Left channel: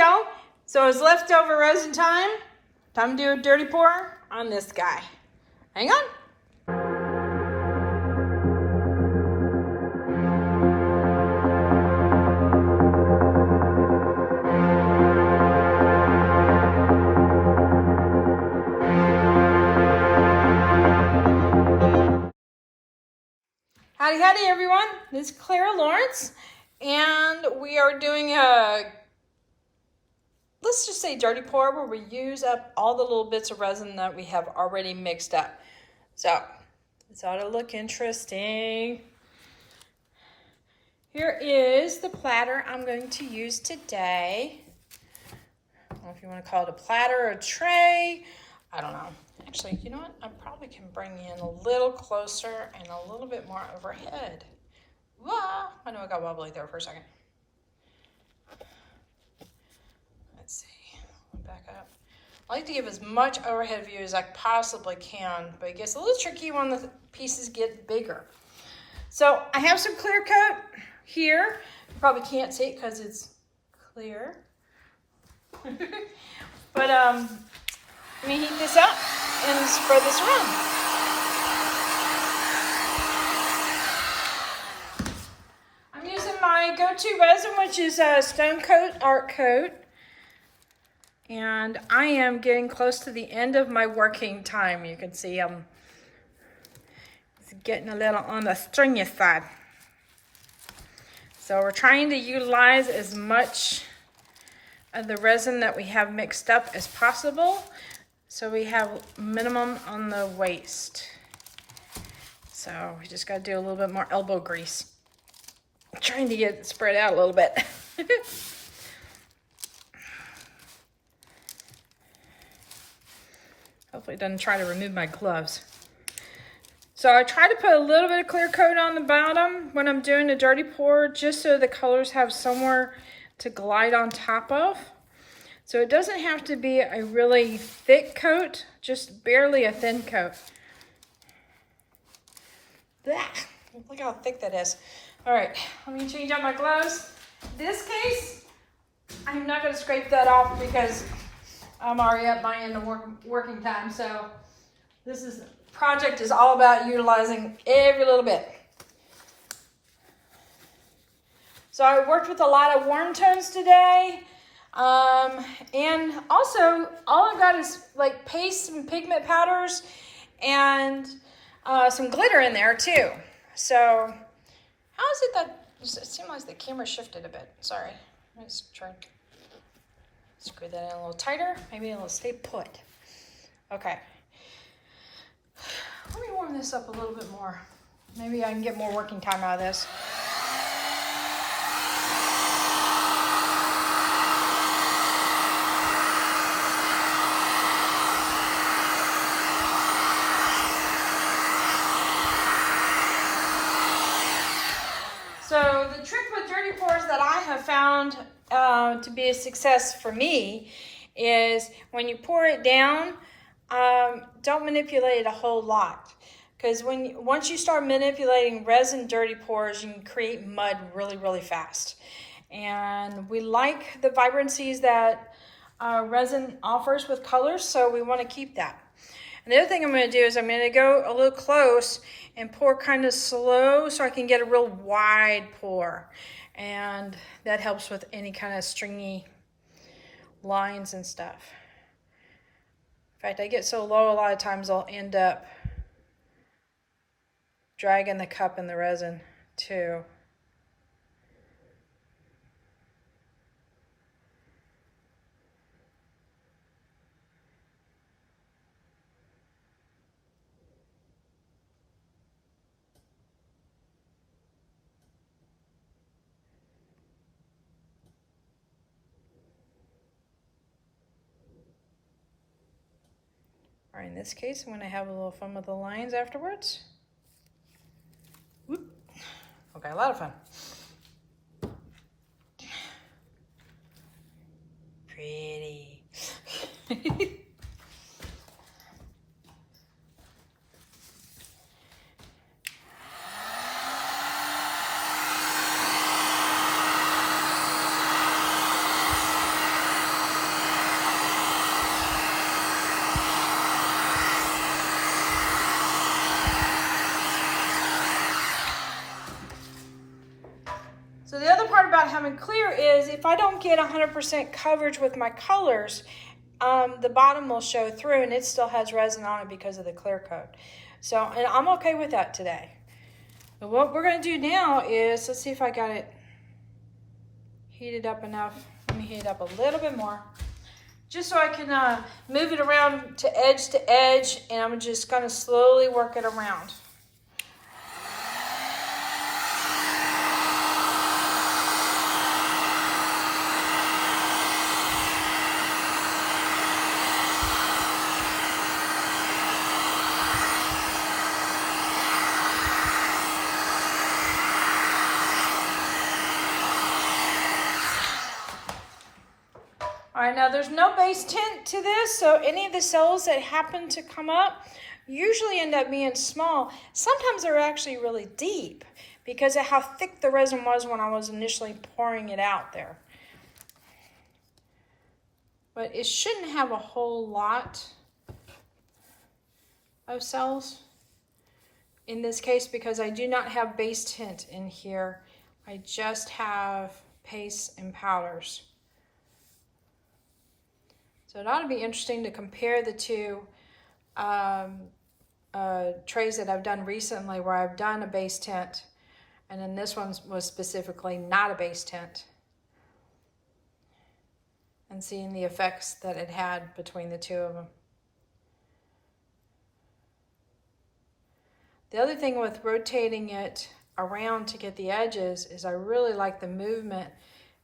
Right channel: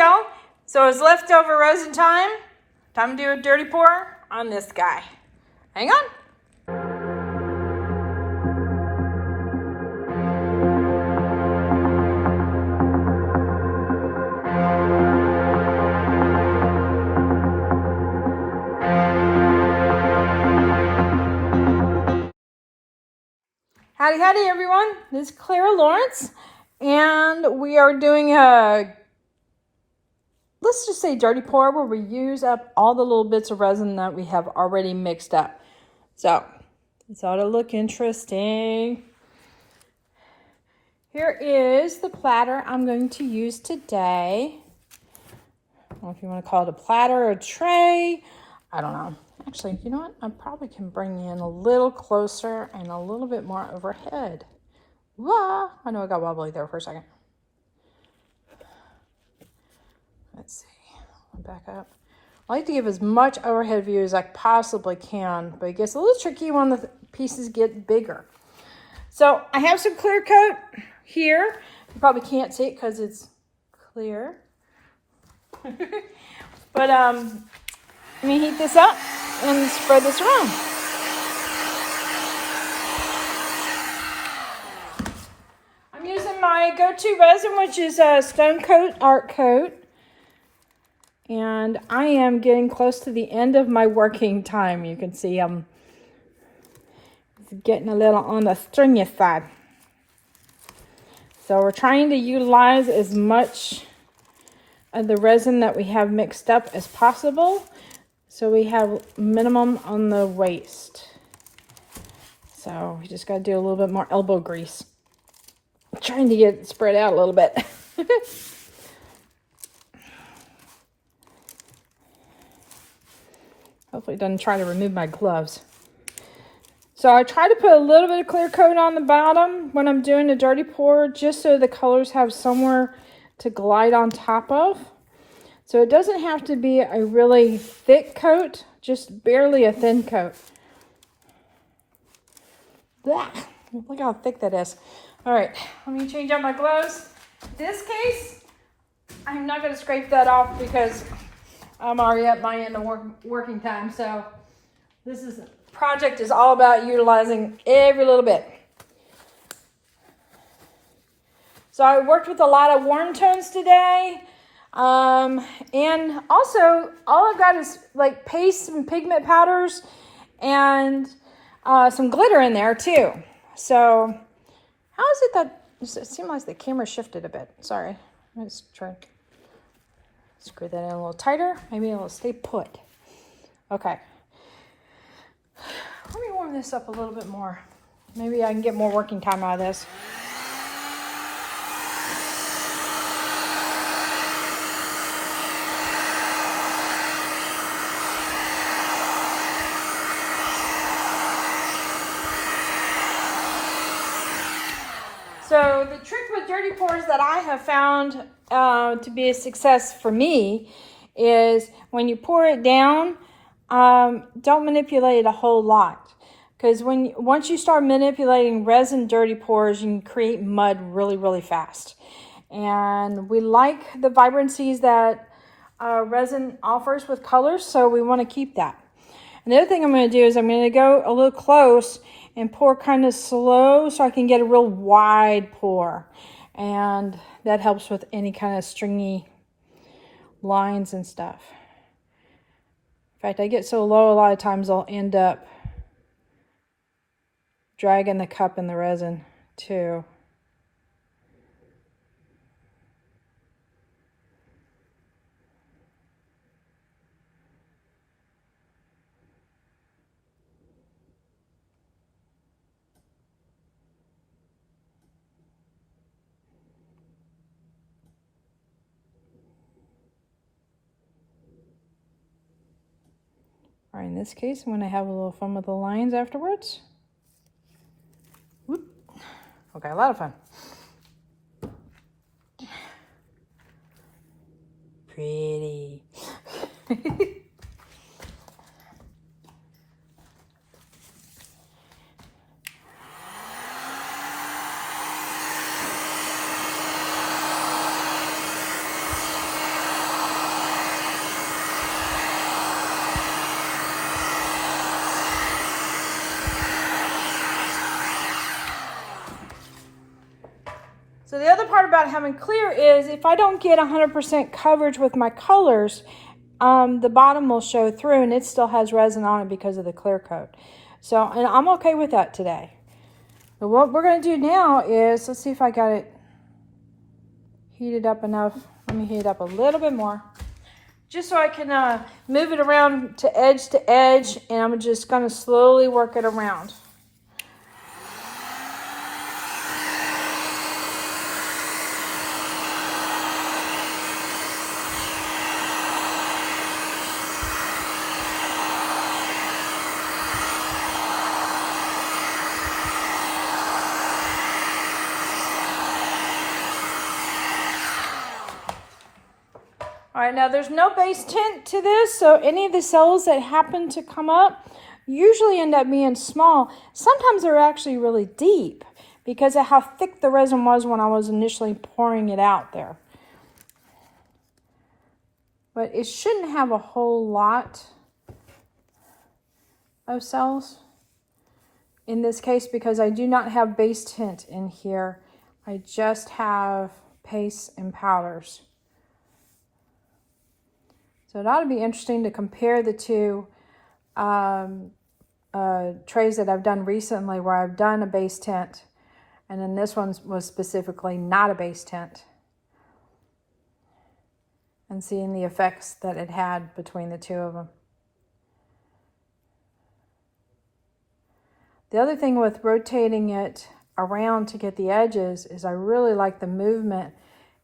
y'all. So it's leftover resin time. Time to do a dirty pour on this guy. Hang on. Howdy, howdy, everyone. This is Clara Lawrence, and we are doing a, let's just say dirty pour, where we use up all the little bits of resin that we have already mixed up. So, this ought to look interesting. Here is the platter I'm going to use today. I don't know if you want to call it a platter or a tray. I don't know. Actually, you know what? I probably can bring you in a little closer and a little bit more overhead. Wah! I know I got wobbly there for a second. Let's see. Back up. I like to give as much overhead view as I possibly can, but it gets a little tricky when the pieces get bigger. So I have some clear coat here. You probably can't see it because it's clear. But let me heat this up and spread this around. I'm using my go-to resin, which is a Stone Coat Art Coat. And I am getting close to the end of my working time. You can see I'm getting a little on the stringy side. So we're trying to utilize as much of the resin that we have mixed up as possible, so we have minimum on the waste. So we just got to do a little bit more elbow grease. I'm trying to get it spread out a little bit. Hopefully it doesn't try to remove my gloves. So I try to put a little bit of clear coat on the bottom when I'm doing the dirty pour, just so the colors have somewhere to glide on top of. So it doesn't have to be a really thick coat, just barely a thin coat. Blah. Look how thick that is. All right, let me change out my gloves. In this case, I'm not going to scrape that off because I'm already at my end of working time. So this project is all about utilizing every little bit. So I worked with a lot of warm tones today. And also all I've got is like paste and pigment powders and some glitter in there too. So how is it that it seemed like the camera shifted a bit? Sorry. Let's try to screw that in a little tighter. Maybe it'll stay put. Okay. Let me warm this up a little bit more. Maybe I can get more working time out of this. So the trick with dirty pours that I have found to be a success for me is when you pour it down, don't manipulate it a whole lot. Because once you start manipulating resin dirty pours, you can create mud really, really fast. And we like the vibrancies that resin offers with colors, so we want to keep that. And the other thing I'm going to do is I'm going to go a little close and pour kind of slow so I can get a real wide pour. And that helps with any kind of stringy lines and stuff. In fact, I get so low a lot of times I'll end up dragging the cup in the resin too. Or in this case, I'm going to have a little fun with the lines afterwards. Whoop. Okay, a lot of fun. Pretty. is if I don't get 100% coverage with my colors, the bottom will show through and it still has resin on it because of the clear coat. So, and I'm okay with that today. But what we're going to do now is, let's see if I got it heated up enough. Let me heat it up a little bit more. Just so I can move it around to edge, and I'm just going to slowly work it around. All right, now there's no base tint to this, so any of the cells that happen to come up usually end up being small. Sometimes they're actually really deep because of how thick the resin was when I was initially pouring it out there. But it shouldn't have a whole lot of cells in this case because I do not have base tint in here. I just have pastes and powders. So it ought to be interesting to compare the two trays that I've done recently where I've done a base tint, and then this one was specifically not a base tint, and seeing the effects that it had between the two of them. The other thing with rotating it around to get the edges is I really like the movement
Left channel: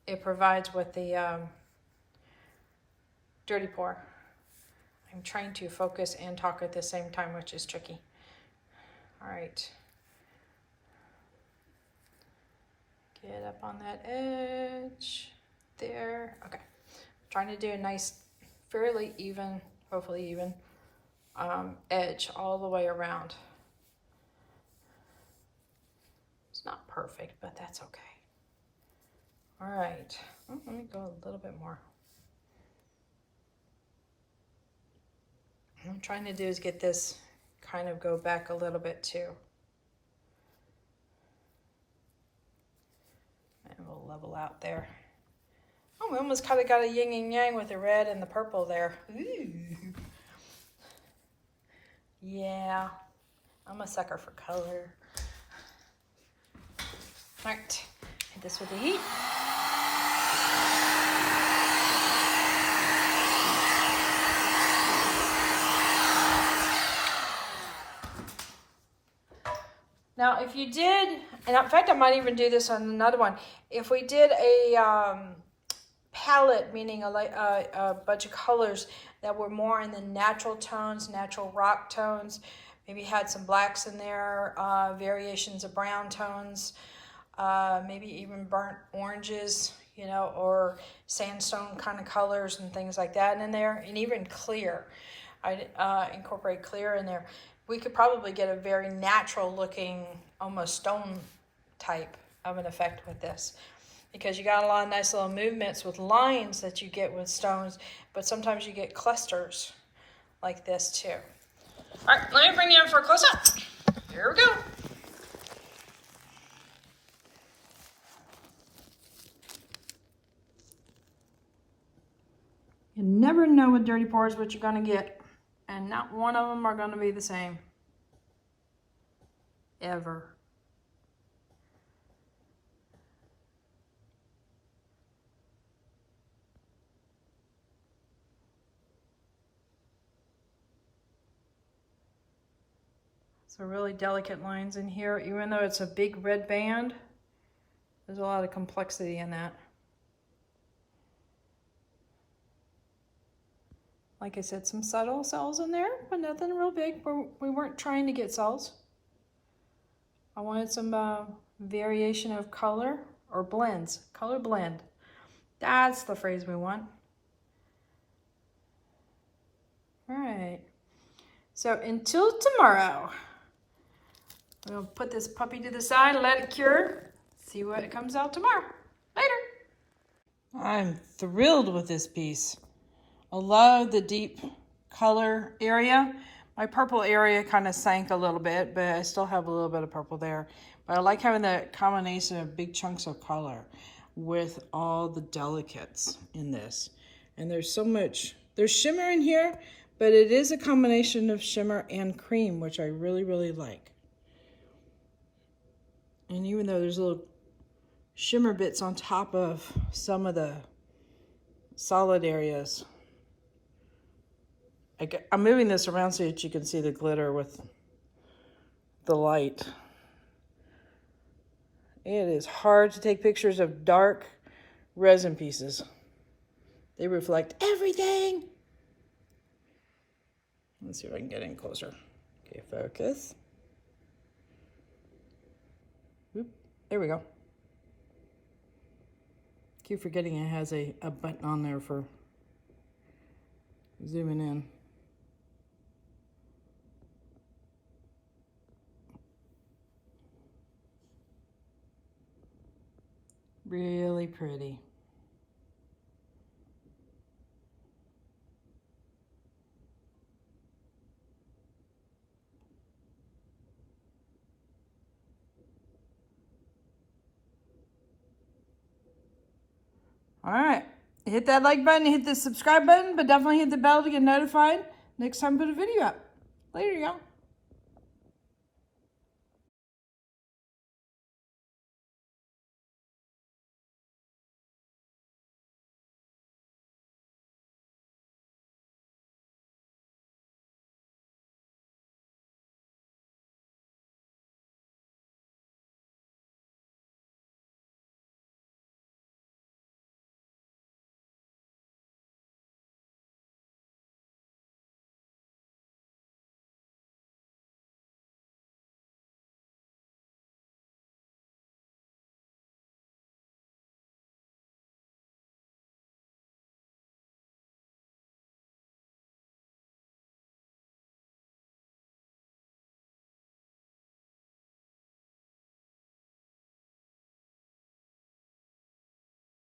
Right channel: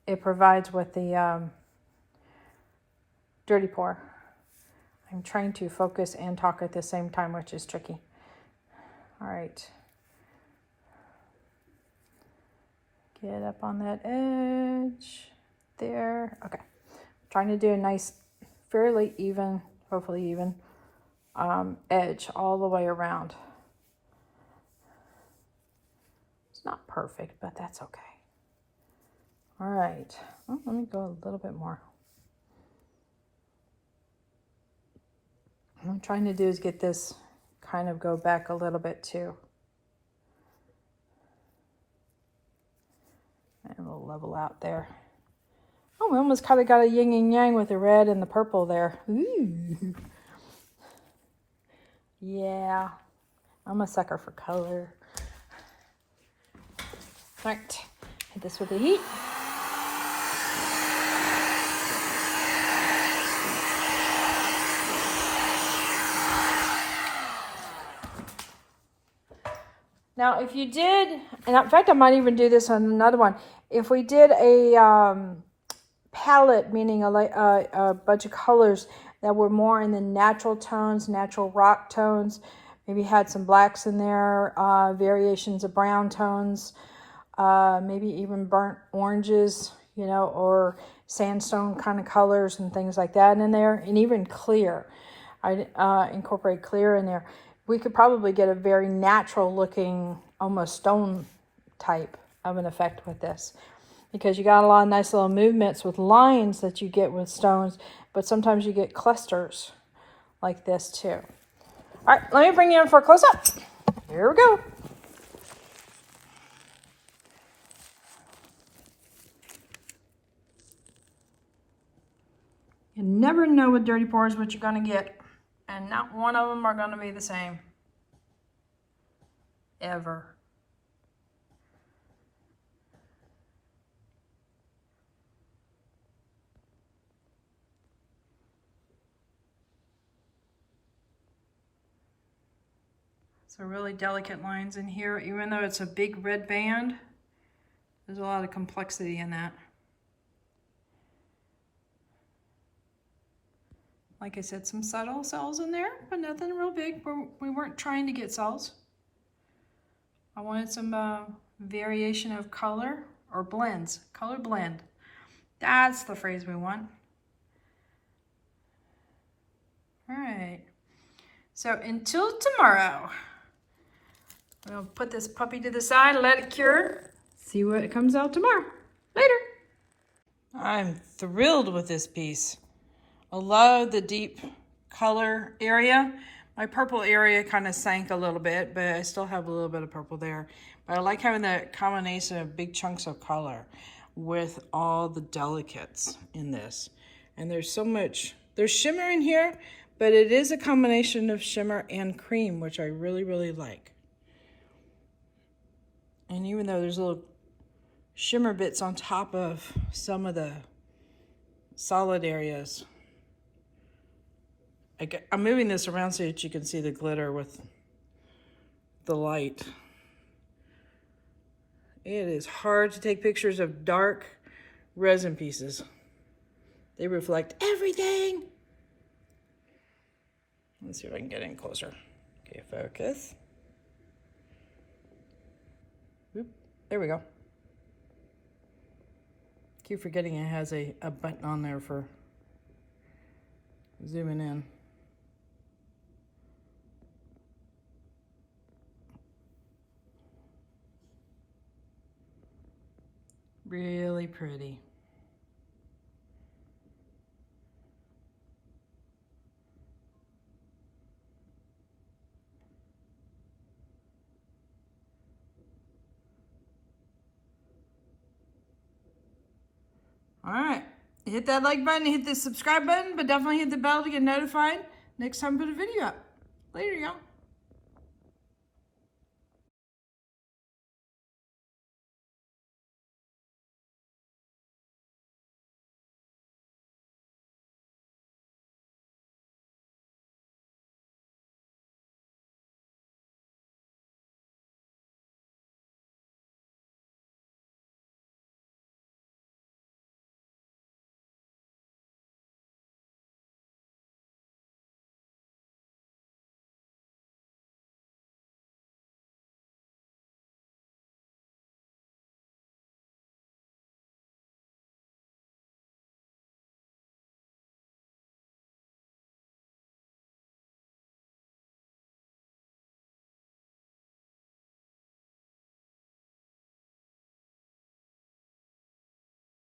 it provides with the dirty pour. I'm trying to focus and talk at the same time, which is tricky. All right. Get up on that edge there. Okay. I'm trying to do a nice, fairly even, hopefully even, edge all the way around. It's not perfect, but that's okay. All right. Oh, let me go a little bit more. What I'm trying to do is get this kind of go back a little bit too. And we'll level out there. Oh, we almost kind of got a yin and yang with the red and the purple there. Ooh. Yeah, I'm a sucker for color. All right, hit this with the heat. Now, if you did, and in fact, I might even do this on another one. If we did a palette, meaning a bunch of colors that were more in the natural tones, natural rock tones, maybe had some blacks in there, variations of brown tones, maybe even burnt oranges, you know, or sandstone kind of colors and things like that in there, and even clear. I'd incorporate clear in there. We could probably get a very natural looking, almost stone type of an effect with this, because you got a lot of nice little movements with lines that you get with stones, but sometimes you get clusters like this too. All right, let me bring you in for a close-up. Here we go. You never know with dirty pours what you're gonna get. And not one of them are going to be the same. Ever. So really delicate lines in here. Even though it's a big red band, there's a lot of complexity in that. Like I said, some subtle cells in there, but nothing real big. We weren't trying to get cells. I wanted some variation of color or blends, color blend. That's the phrase we want. All right. So until tomorrow, we'll put this puppy to the side, let it cure, see what comes out tomorrow. Later. I'm thrilled with this piece. I love the deep color area. My purple area kind of sank a little bit, but I still have a little bit of purple there. But I like having that combination of big chunks of color. with all the delicates in this. And there's so much, there's shimmer in here, but it is a combination of shimmer and cream, which I really, really like. And even though there's little shimmer bits on top of some of the solid areas, I'm moving this around so that you can see the glitter with the light. It is hard to take pictures of dark resin pieces. They reflect everything. Let's see if I can get in closer. Okay, focus. Oop, there we go. Keep forgetting it has a button on there for zooming in. Really pretty. All right, hit that like button, hit the subscribe button, but definitely hit the bell to get notified next time I put a video up. Later, y'all.